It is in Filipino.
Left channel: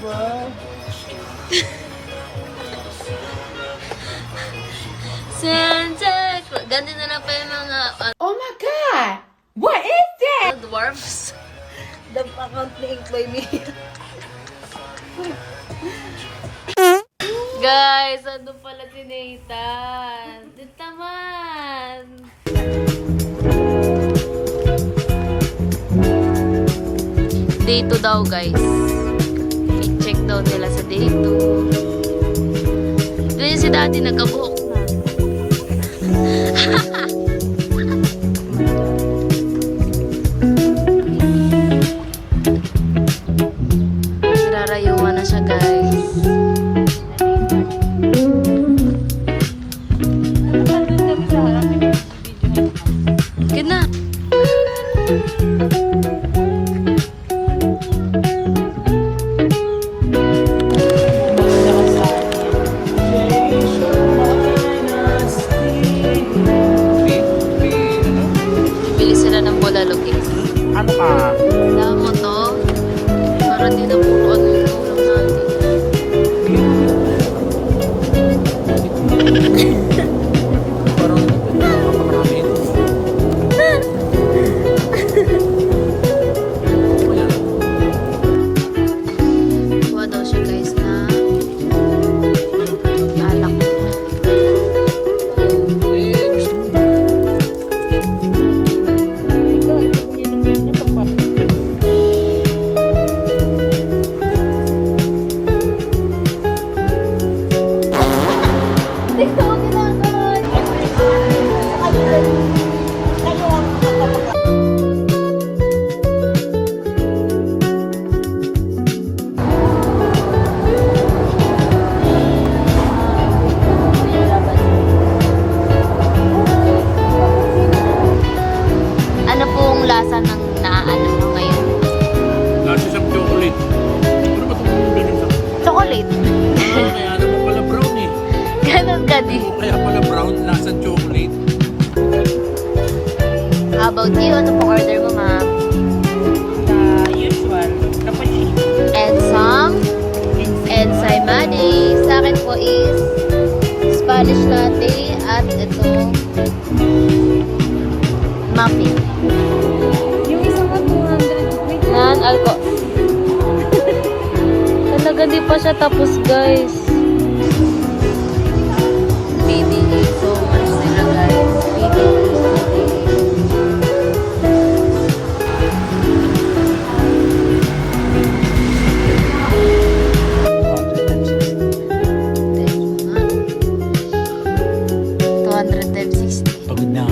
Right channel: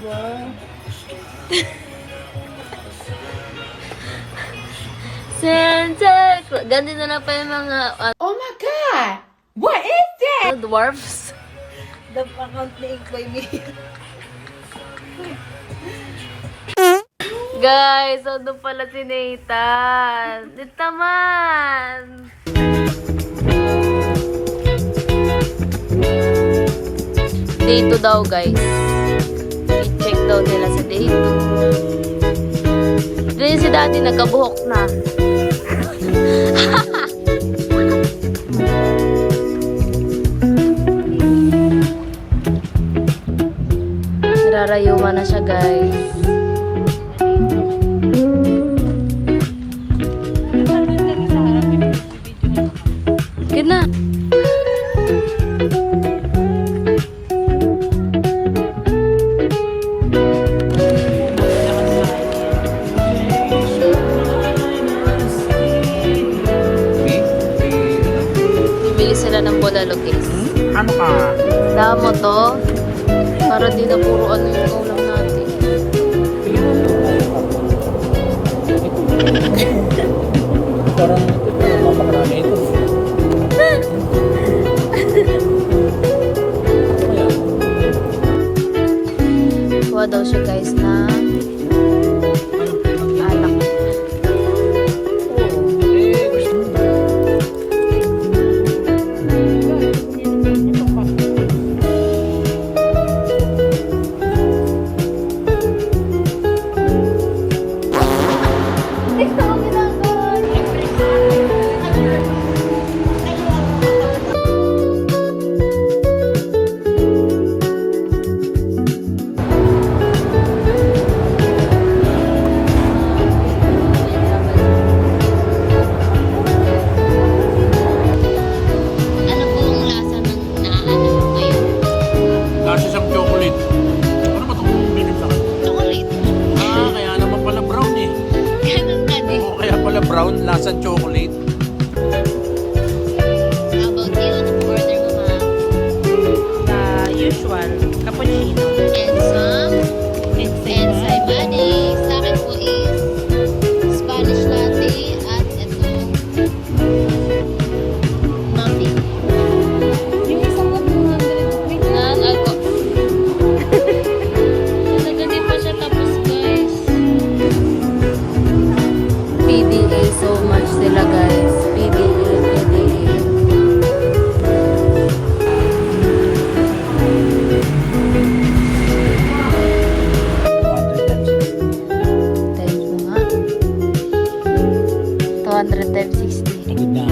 Wow. Santa, ganito na pa yung mga Oh my God! What is that? dwarfs. The account na ink by me. Guys, ano pala si Nathan? Dito man! Day 2 daw, guys. I-check daw nila sa day 2. Doon si daddy nagkabuhok na. Nararayuman na siya, guys. Good na. Bibili sila ng bulalo, guys. Ano ka? Damo to. Para di na puro ano yung ulam natin. Parang ito yung mapakarami ito. Kuha daw siya, guys, na alak. Ano pong lasa ng naano mo ngayon? Lasa siyang chocolate. Ano ba itong bilhin sa akin? Chocolate. Kaya naman pala brown eh. Ganon ka di. Kaya pala brown, lasang chocolate. How about you? Ano pong order mo, ma? Usual, cappuccino. And some ensaymade. Sa akin po is Spanish latte at ito muffin. Yung isang 100. Non-alco. Talaga di pa siya tapos, guys. So much sila, guys. Times mo nga. 200 times 60. Pagod na